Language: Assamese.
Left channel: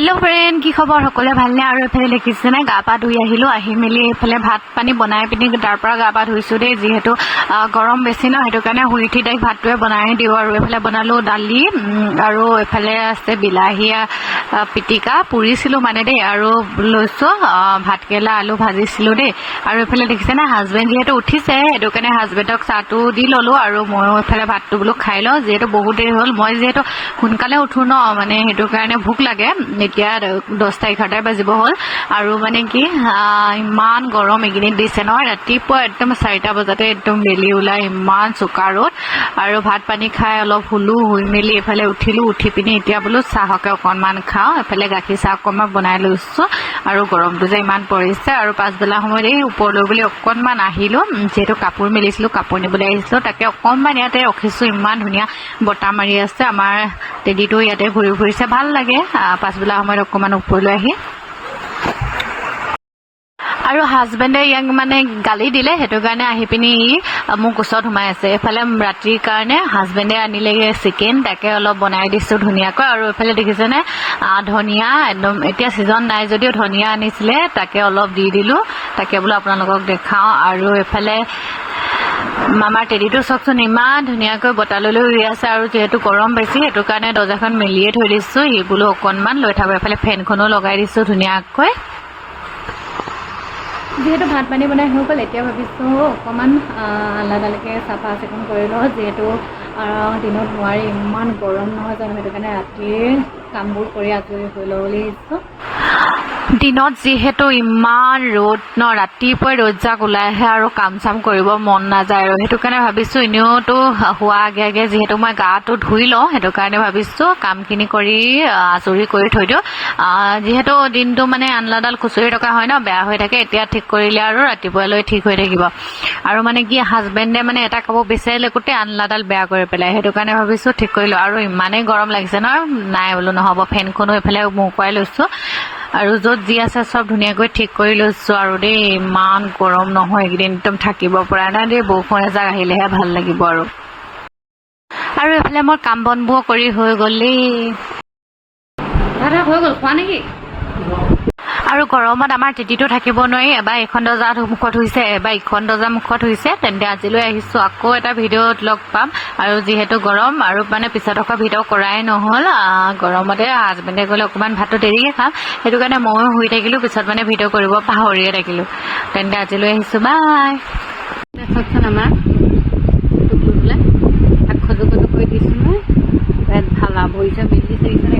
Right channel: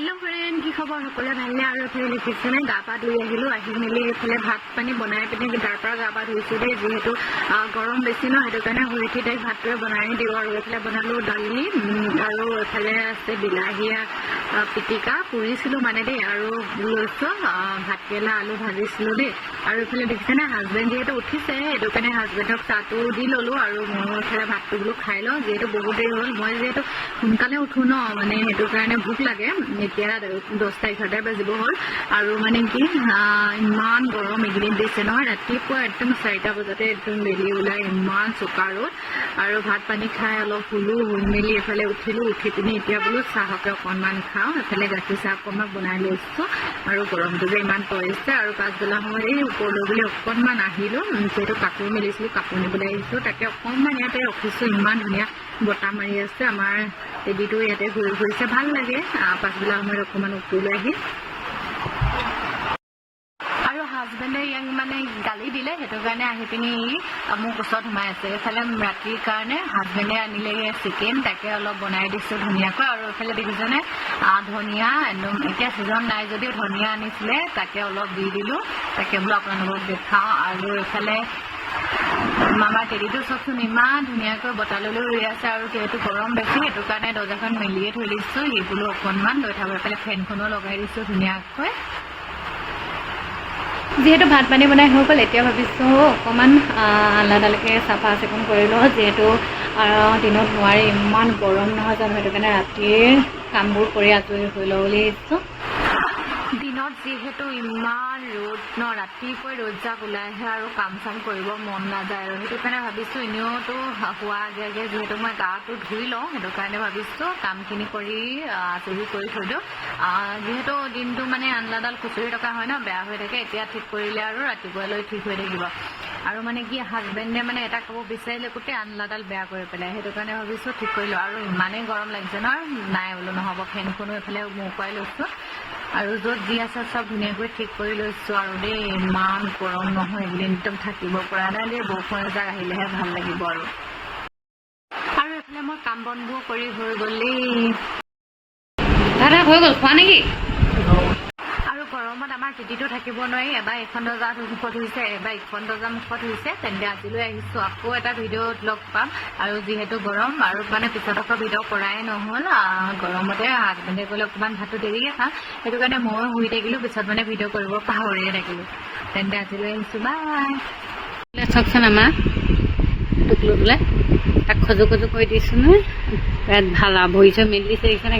हेलो फ्रेंड की खबर सकले भालने और एफाले देখিছেনে গা পা ধুই আহিলো আহি মেলি এফালে ভাত পানী বনাই পিনি তাৰ পৰা গা পা ধুইছো দে যেহেতু গৰম বেছি ন হেতু কাৰণে হুই উঠি ডাইক ভাতটোৱে বনাই দিও আৰু এফালে বনালো দালি আৰু এফালে আছে বিলাহিয়া পিটিকা পুৰিছিলো মানে দে আৰু লৈছো ভাতকেলা আলু ভাজিছিলো দে আৰু এফালে দেখিছেনে হাজবেন্ড যেহেতু উঠিছে হেতু কাৰণে হাজবেন্ডক চাহটো দি ললো আৰু মই এফালে ভাতটো বলো খাই ল যেহেতু বহুত দেৰি হল মই যেহেতু সোনকালে উঠো ন মানে হেতু কাৰণে ভুক লাগে এতিয়া 10টা 11টা বাজিব হল আৰু মানে কি ইমান গৰম এগিদিন দিছে ন ৰাতিপুৱা একদম 4টা বজাতে একদম বেলি ওলাই ইমান চুকাৰত আৰু ভাত পানী খাই অলপ হুলু হুই মেলি এফালে উঠিলো উঠি পিনি এতিয়া বলো চাহকে অকনমান খাও এফালে গাখীৰ চাহ অকনমান বনাই লৈছো আৰু গৰমটো যে ইমান পৰিছে আৰু পাছবেলা সময়ত এই ওপৰলৈ বুলি অকনমান আহিলো যেহেতু কাপোৰ মেলিছিলো কাপোৰ নিবলৈ আহিছো তাকে অকনমান ইয়াতে ৰখিছো ইমান ধুনীয়া বতাহ মাৰি আছে আমাৰ টেডিটো ইয়াতে ঘূৰি ফুৰিছে ভাল লাগে পাছবেলা সময়ত অকনমান ওপৰলৈ আহি আৰু হাজবেন্ডে ইয়াক মানে গালি দিলে হেতু কাৰণে আহি পিনি মোক ওচৰত সোমাই আছে এফালে ৰাতিৰ কাৰণে হাজবেন্ডে আনিলে চিকেন তাকে অলপ বনাই দিছো ধুনীয়াকৈ আৰু এফালে দেখিছেনে ধনিয়া একদম এতিয়া সিজন নাই যদিও ধনিয়া আনিছিলে তাকে অলপ দি দিলো তাকে বোলো আপোনালোকক দেখাও আৰু এফালে মামাৰ টেডিটো চকচোন ইমান ধুনীয়াকৈ বতাললৈ উৰি আছে আৰু যেহেতু গৰম বেছি হেতু কাৰণে দৰ্জাখন মেলিয়ে থৈ দিছো ই বোলো অকনমান লৈ থাকো এফালে ফেনখনো লগাই দিছো ধুনীয়াকৈ যেহেতু ভাত পানী বনাই হৈ গ'ল এতিয়া ভাবিছো অকমান আলাদালৈকে চাফা চিকুণ কৰি লওঁ যেহেতু দিনত নোৱাৰি ইমান গৰম নহয় জানো হেতু কাৰণে ৰাতিৰ কামবোৰ কৰি আজৰি হৈ লওঁ বুলি ভাবিছো দিনত যেহেতু ইমান ৰ'দ ন ৰাতিপুৱা ৰ'দজাক ওলাই আহে আৰু কাম চাম কৰিব মন নাযায় আৰু হেতু কাৰণে ভাবিছো এনেওতো হোৱা আগে আগে যেহেতু মই গাটো ধুই লওঁ হেতু কাৰণে ভাবিছো কামখিনি কৰি আজৰি কৰি থৈ দিও যেহেতু দিনটো মানে আনলাডাল খুচৰি থকা হয় ন বেয়া হৈ থাকে এতিয়া ঠিক কৰিলে আৰু ৰাতিপুৱালৈ ঠিক হৈ থাকিব আৰু মানে কি হাজবেন্ডে মানে এটা কাপোৰ বিচাৰিলে গোটেই আনলাডাল বেয়া কৰি পেলাই হেতু কাৰণে ভাবিছো ঠিক কৰিলো আৰু ইমানেই গৰম লাগিছে ন নাই বোলো নহব ফেনখনো এফালে মুকুৱাই লৈছো আৰু যত যি আছে সব ধুনীয়াকৈ ঠিক কৰি লৈছো আৰু দেই ইমান গৰম নহয় একদিন একদম থাকিব পৰা নাই দেই বৰষুণ এজাক আহিলেহে ভাল লাগিব আৰু এফালে মোৰ কাম বনবোৰ কৰি হৈ গ'লেই দাদা হৈ গ'ল খোৱা নেকি আৰু গৰমত আমাৰ টেটিটো থাকিব নোৱাৰি এবাৰ এখন দৰ্জাৰ মুখত হৈছে এবাৰ ইখন দৰ্জাৰ মুখত হৈছে তেন্তে আজিলৈ আহিছো আকৌ এটা ভিডিঅ'ত লগ পাম আৰু যেহেতু গৰম আৰু মানে পিছত আকৌ ভিডিঅ' কৰাই নহল গৰমতে হাজবেন্ডে গ'লে অকমান ভাতটো দেৰিকে খাম হেতু কাৰণে মই শুই থাকিলো পিছত মানে ভিডিঅ' কৰিব পাহৰিয়ে থাকিলো তেন্তে আজিলৈ আহিছো বাই চকচোন আমাৰ টুকলু বোলে তাক খজু খজু কৰি দিছো নহয় ভাল ভৰি চৰি মেলি দিছে দেখিছে নে